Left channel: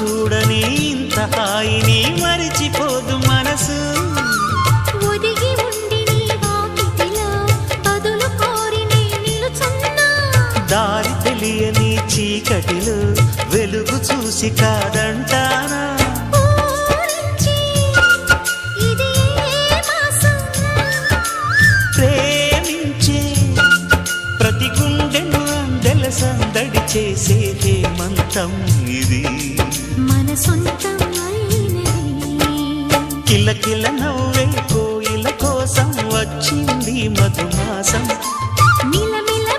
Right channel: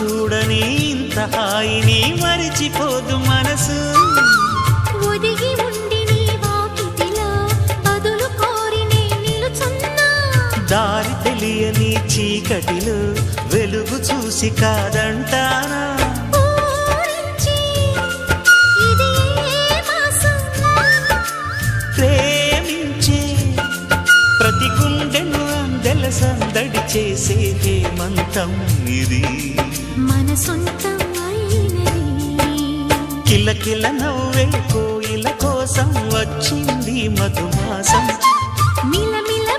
చూడని ఇంత హాయిని మరిచిపోదు మనసు. ఒదిగి ఉండి నీ వాకిటిలో బదులు కోరి నే నిలుచున్నా. దారి తెలియని చీకటిలో వెలుగు చూసి కాదంటానా. ఊరించి ఇది ఏ మాసం? ప్రేమించే ప్రతి గుండెను అందెల సందడి చేసే హేమంతం ఇది. మన సొంతం అయినది. కిలకిల నవ్వే కోయిల కోసం వచ్చింది మధుమాసం. మిలమిల